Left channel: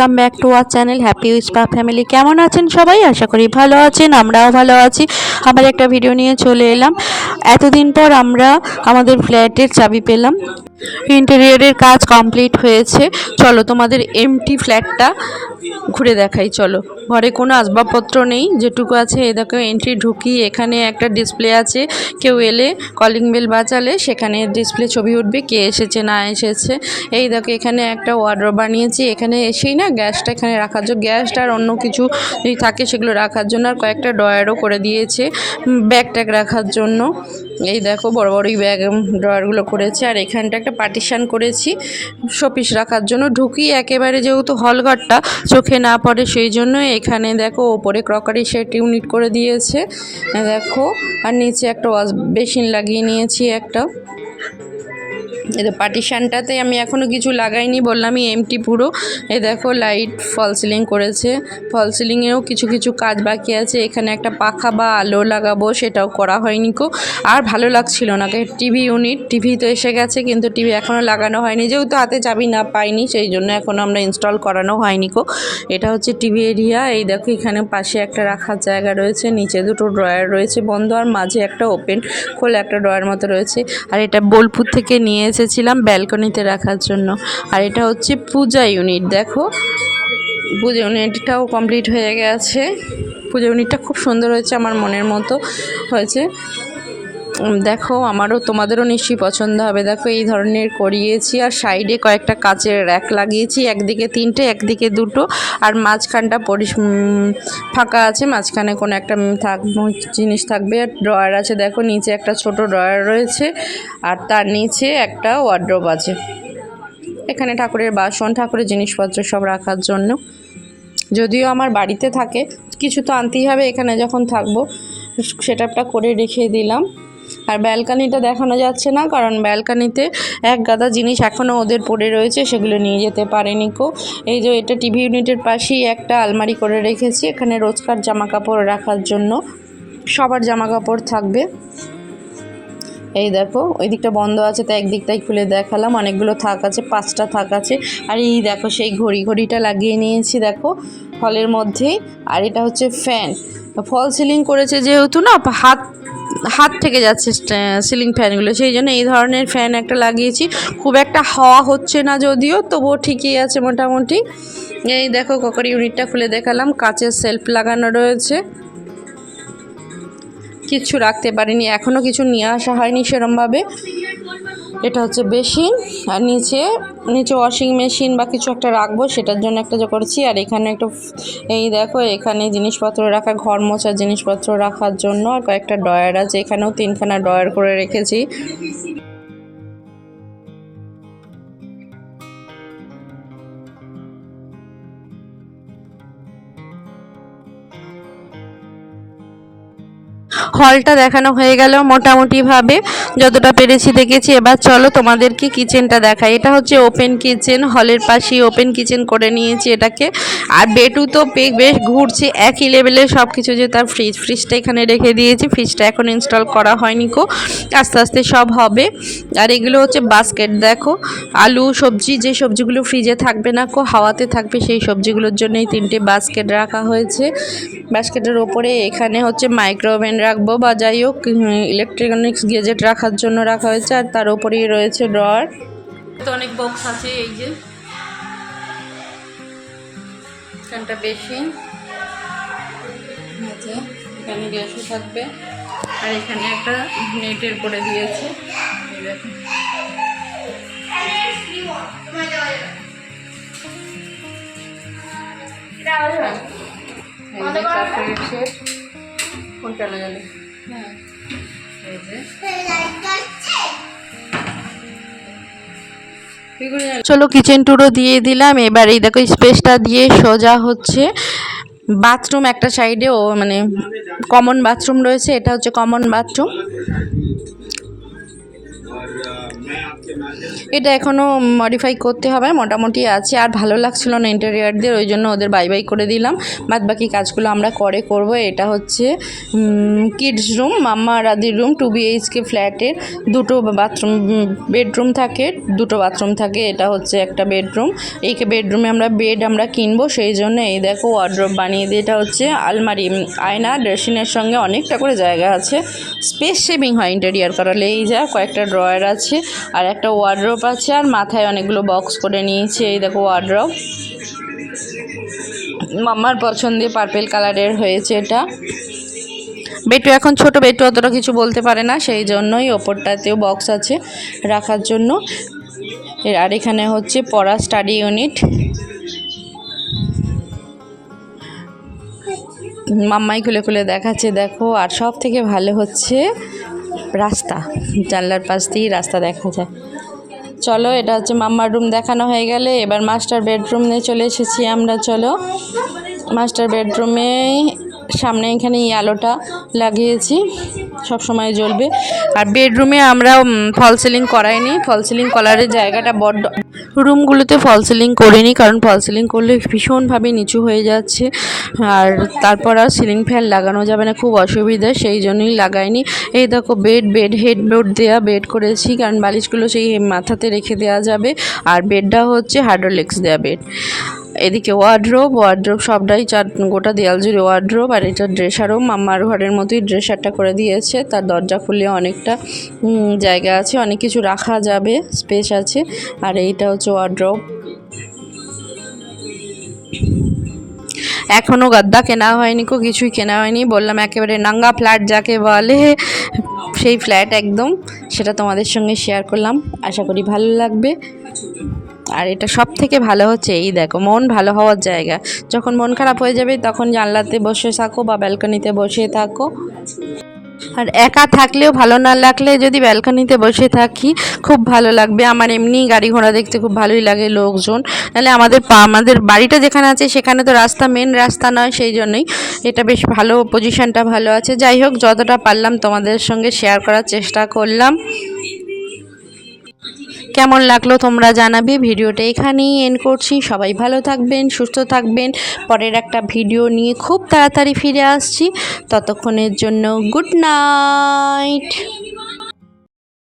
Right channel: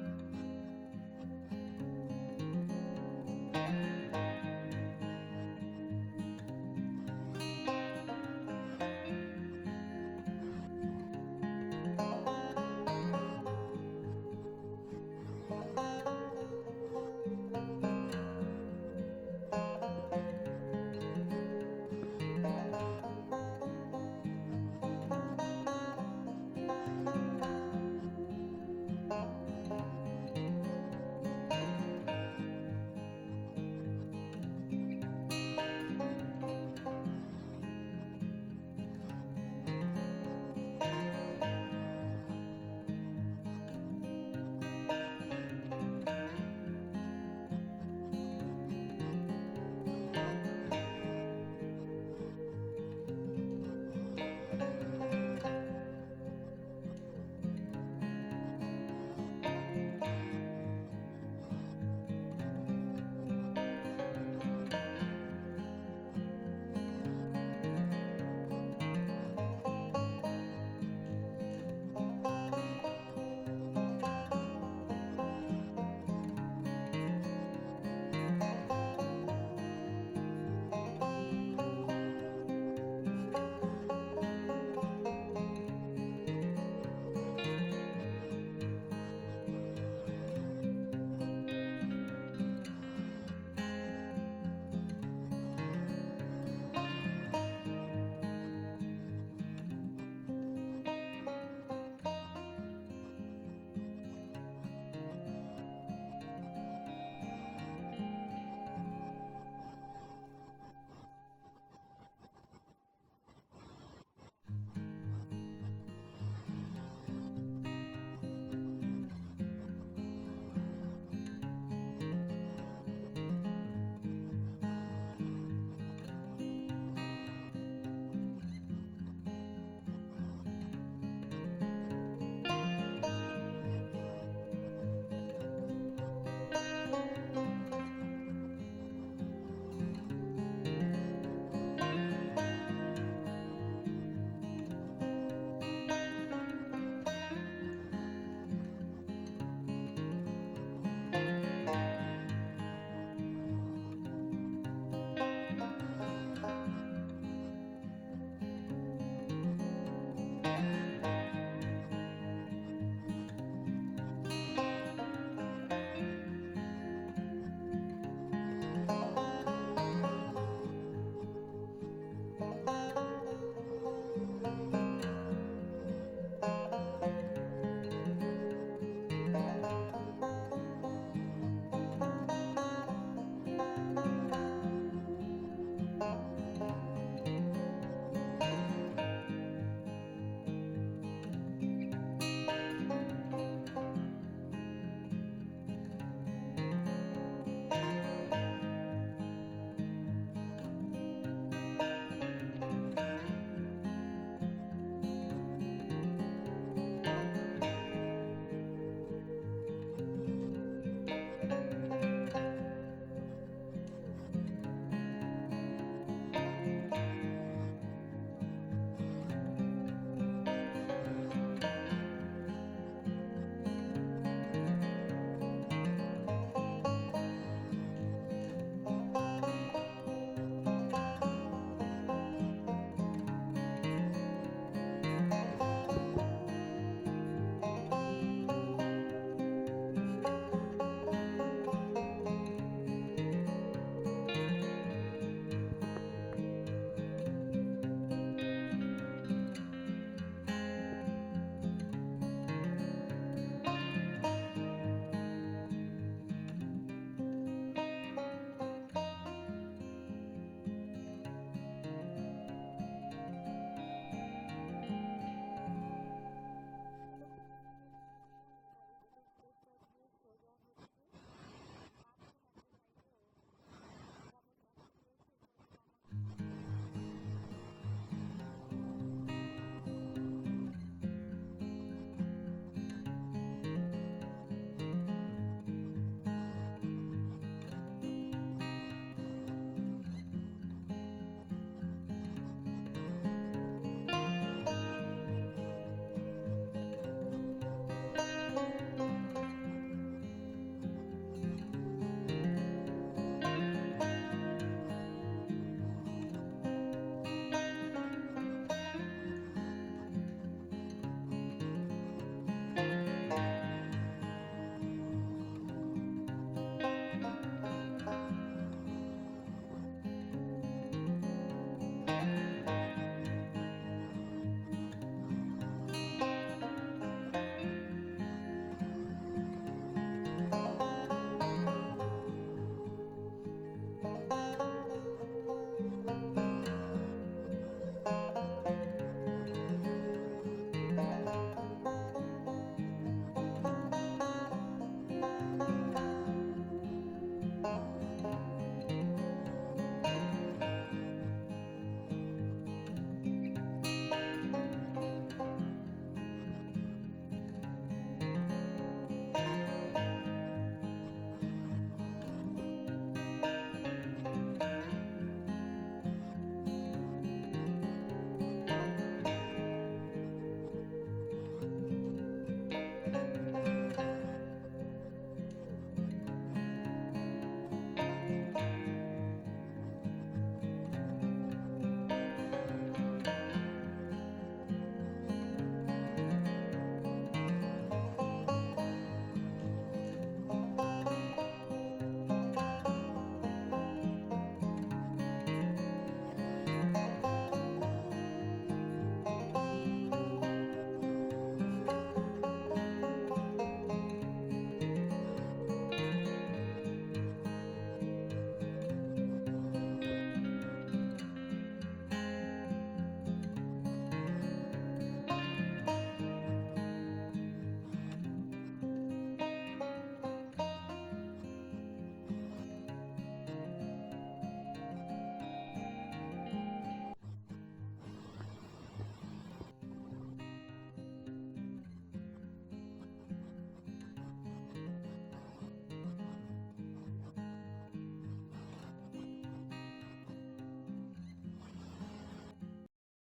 Welcome back to our channel, happy উইসপা family. কেমন আছেন সবাই? আশা করি ভালো আছেন, আমরাও ভালো আছি। আবার একটা ভিডিও নিয়ে চলে এলাম। এতদিন পর আমরা আমাদের ফ্ল্যাটের চাবি পেলাম। ইন্টেরিয়রের কাজ কমপ্লিট হয়েছে। চলো, তোমাদের এমটি ফ্ল্যাটটা ঘুরে দেখাই, চলো। ঘরে কোনো আসবাবপত্র নেই, যেটুকু আছে এ দেখো এন্ট্রি ঢুকি, এখানে একটা ডিসপ্লে আছে। কেউ এলে কলিং বেল বাজালে, সেখানে ডিসপ্লে ছবি উঠবে, কে এসেছে, না এসেছে। এই দেখো, এখানে একটা ওয়ার্ড্রপ বানিয়েছি, এখানে এসেই না গ্যাসটা এখানে রাখার জন্য, গ্যাসটা আর অন্য কিছু যদি থাকে সেগুলো রাখার জন্য আর কয়েকটা ড্রয়ারও করে দিয়েছে ব্যাগ ট্যাগ রাখার জন্য। এই দেখো, বড় বড়ই ব্যাগ ড্রয়ারগুলো করেছে, আর এখানটা পার্টিশান করেছি শোপিস রাখার জন্য। ঢুকি একেবারে যেহেতু হলঘরটা চোখে না পড়ে সেই জন্য এখানে দেখো ওপরে ক্রকারি সেট ইউনিট করে দিয়েছে। দেখো, আর নিচে একটা ওয়াশ বেসিন লাগিয়ে নিয়েছি একটা। তো পার্টিশানটাতে আমি এখনও কিছু লাগাইনি, বললামই এমটি পুরো। এ দেখো লাইট ফল সিলিং করেছে। ফল সিলিংয়েও কিছু কিছু কাজ বাকি আছে। এখানে একটা পাখা বা আলো লাগাবো, সেটাও করা হয়নি কো। আর ভালো লাগছিল না। টিভি ইউনিট টিভি তো এসে গেছে, কিন্তু টিভি এখনও লাগানো হয়নি। যেহেতু হাতে চাবি না পাইনি, সেই জন্য এখনও আমরা ইনস্টল করানো হয়নি কো। এটা হচ্ছে টিভি এরিয়া এই দেখো এখানে পাশে একটা রাখার জায়গা রয়েছে, নিচে দুটো ড্রয়ার রয়েছে বন্ধ, আর মাঝে একটা ওপেন খোলা একটা ড্রয়ার মতো রয়েছে। আর এটা বোলপুর থেকে নিয়ে এসেছিলাম ব্যালকনিতে রাখার জন্য। আর এটা হচ্ছে পূজা ইউনিট, দেখো। পূজা ইউনিটটাও কমপ্লিট হয়ে গেছে। পূজা ইউনিটটা খুব সুন্দর হয়েছে আমার মনের মতো হয়েছে। দেখো আমারও তোমাদেরও নিশ্চয়ই পছন্দ হবে। দেখো এই ধরনের করিয়েছি আর সাইডে কয়েকটা কাচের র্যাক লাগিয়েছি একদিকে তিনটে একদিকে দুটো। আর মাঝখানটা উম, ফাঁকা আছে মাঝখানে কোনো একটা থাক জিনিস থাকবে। আর ড্রয়ার আছে দেখো নিচে একটা ছোট ড্রয়ার রয়েছে আর তার নিচে একটা ওয়ার্ড্রোব আছে। এখানে ঠাকুরের বাসন ঠাকুরের জিনিসপত্র সব রাখার জন্য। যদিও আমার বাড়িতে থাকে কিছু তো আনতেই হবে। এখানে যখন থাকব সেটআপটা করে রেখে দিলাম। আর ব্যালকানিটা দেখানো যাচ্ছে না, কারণ ব্যালকানিতে এক গাদা জিনিস এখনও ওদের পড়ে রয়েছে, সেগুলো নিয়ে যেতে পারেনি কো। এই যে এটা টিভি ইউনিটের পাশেই একটা আলমারি করে রেখেছি, এখানে রোজকার জামা কাপড় রাখার জন্য সবার জামা কাপড় থাকবে। এই দেখো, ওই দিকটা বন্ধ আছে, তাই একদিকটাই খুলে দেখালাম, অনেকগুলো থাক আছে, পাঁচটা থাক আছে, আর এই দেখো সেই ঘড়ি, ঘড়িটা লাগিয়ে নিয়েছি দেখো হলের মধ্যেই, আর এটা হচ্ছে ফ্যান। ফল সিলিং করেছে যেহেতু না, হাত হাত থেকে যাচ্ছে সিলিং ফ্যানগুলো সেই জন্য এই ধরনের ফ্যান একটা লাগিয়েছি। খুব একটা হাওয়া হচ্ছে না যদিও, তবুও ঠিকই আছে মোটামুটি। এই দেখো ককার ইউনিটটা খুলে দেখালাম। কাঁচের সেলফ লাগানো রয়েছে। কিচ্ছু রাখতে পারিনি এখনও কিছু নিয়ে আসা হয়নি সেরমভাবে। এটা হচ্ছে বেসিন আর নিচে নিচে ওয়াশিং মেশিন বা কিছু একটা রাখব, সেটার জন্য একটা যে করছি। আর এখানে একটু, এই দেখো, এখানে জিনিসপত্র রাখা, ঘর মোছার জিনিসপত্র রাখার জন্য, আর কয়েকটা ডয়ার আছে। এখানেও তিনখানা ডয়ার করে রেখেছি। হলটা দেখানো হয়ে গেল মোটামুটিভাবে। যতটা পেরেছি দেখেছি। এবার চলো তোমাদেরকে কিচেনটা দেখাই। এটা হচ্ছে ওপেন কিচেন হলের পাশেই ওপেন কিচেন করে নিয়েছি এটাকে। আর বেটু তো বেশ ঘুরছে, একই লেভেলের সব কিছু যে তার ফ্রিজ ফ্রিজটা এখানে রেখে দিয়েছি। ফ্রিজটা এখন ইনস্টল করা হয়নি কো। আস্তে আস্তে সব হবে। আর এগুলো হচ্ছে বাস্কেট দেখো। আলু, সবজি, যে সবজিগুলো ফ্রিজে থাকবে না কো, হাওয়াতে থাকবে সেই সবজিগুলোর জন্য এই তিনটে বাস্কেট রাখা হয়েছে। বাস্কেটের ওপরে এখানে হচ্ছে মাইক্রোওভেন রাখব। বা যাই হোক ইলেকট্রনিক্স গেজেট রাখার জন্য রাখা হয়েছে আর তার উপরেই রয়েছে ড্রয়ার তো অনেক বক্স আছে, এই যে। বেশি। এখানে গ্যাসও থাকবে। আর এখানে একটা নেটের করে দিয়েছে? চলো কিচেন টুরও দিয়ে দিলাম। এবার এই দেখো স্পেসটা দিয়ে সোজা হচ্ছে বাথরুম একটা সাইডে ও মানে কমন বাথরুম রয়েছে। এটা হচ্ছে কমন বাথরুম এটা এখনও মডিফাই করতে হবে, মোটামুটি আছে। আর ভালো লাগছিল না ইন্টেরিয়ারদের ওই জন্য ওদের বাই বাই করে দিলাম। বাদ বাকি কাজগুলো আমরা করে করব। এটা হচ্ছে কিডস রুম মাম্মা আর আদির রুম টু বিএইচকে ফ্ল্যাটের দুটো বাথরুম বেডরুম থাকে, দুটো বাথরুম থাকে। এটা হচ্ছে একটা বেডরুম এই বেডরুমে আমরা বেড আমরা কিনবো, সেই জন্য এই দেখো ওয়ার্ড্রপ বানিয়ে দিয়ে, এটা হচ্ছে আলমারি আয়না ড্রেসিংয়ের সঙ্গে অনেকটা করে জায়গা আছে। স্পেস সেভিং হয় ইন্টেরিয়ার করালে। এই যা কয়েকটা ড্রয়ার আছে আর একটা ওয়ার্ড্রপ আছে আর মাথায় অনেকগুলো বক্স করে নিয়েছে, এই দেখো ওয়ার্ড্রপ মাম্মার পছন্দে পার্পেল কালারের হয়েছে এটা। বেটু এখন ছোট, বেটু অতটা কিছু বলতে পারে না, সেই জন্যই ওপরটাতেও বক্স আছে রাখার জন্য। আর এখানে হচ্ছে পড়া স্টাডি ইউনিট মাম্মাই খুলে খুলে দেখাচ্ছে, দেখো, আর সব থেকে ভালো হচ্ছে রাস্তা, জানলার পাশ দিয়েই রাস্তা দেখা যায়। চলো, এটা হচ্ছে মাম্মার রুম দেখানো হয়ে গেলে, এবার মাস্টার বেডরুম নিয়ে চলে এসেছি আমরা, চলো। মাস্টার বেডরুমে সামনে এখানে এই আলোটা লাগিয়েছি, সব সময় জ্বলবে। আর বেডরুমে আমরা ফল সিলিং করাইনি ফল সিলিং করার জায়গাটা বড্ড রুমগুলোতে ফল সিলিং করিনি, কারণ ফল সিলিং করলে ভীষণভাবে নিচু হয়ে যাচ্ছে। আর তারপর আর সিলিং ফ্যান লাগানো যাবে না, খুব অসুবিধা, সেই জন্যই লাগাইনি। এই দেখো বেড বেড হেড হেডবোর্ড দেওয়া বেড করেছি, কারণ বালিশগুলো সেই মাথাতে রেখে দেওয়া যাবে। আর বেডটা হচ্ছে হাইড্রোলিক্স দেওয়া বেড। এদিকে ওয়ার্ড্রোব ওয়ার্ড্রোব সবটাই চার, গোটা দেয়াল জুড়ে ওয়ার্ড্রোব আর এটা ড্রেসারও মাম্মার ঘরের মতোই ড্রেসারটা করে দিয়েছে। তার দরজা খুলে অনেকটা জায়গা আছে, অনেক কিছু রাখা যাবে স্পেস আছে। আর এইটা হচ্ছে ওয়ার্ড্রোব এখনও গাদ্দা কেনা হয়নি কো, কিছুই কেনা হয়নি। বললাম একেবারে নাঙ্গা ফ্ল্যাট যাকে বলে, সেই ফ্ল্যাট একদম। সেটা তোমাদের সঙ্গে শেয়ার করলাম। আশা করি ভালো লাগবে। আর এটা সব থেকে ভালো হচ্ছে এই দেখো, মন ভালো হওয়ার জায়গা। যখন মন খারাপ হয়ে যাবে, তখন জানলাতে বসে থাকো বা ব্যালকনিতে বসে থাকো। আর একা থাকলেও ভালো না লাগলে যদি ব্যালকনিতে বসে থাকি, খুব ভালো লাগবে। আমার এমনি গাড়ি ঘোড়া দেখতে খুব ভালোই লাগে লোকজন। নাহলে আমাদের আমাদের বাড়িটা যেখানে আছে, সেখানে তো রাস্তা মেন রাস্তা নয়, সেই জন্যই এটা বেশ ভালো পজিশনটা ভালো আছে। যাই হোক, যতটা পারলাম তোমাদের সঙ্গে শেয়ার করার চেষ্টা করলাম। কেমন লাগল তোমরা জানাবে। ভিডিওটা এখানেই এন্ড করছি। সবাই ভালো থাকবেন, সুস্থ থাকবেন। পরের একটা ভিডিও নিয়ে খুব তাড়াতাড়ি ফিরে আসছি। ততক্ষণের জন্য গুড নাইট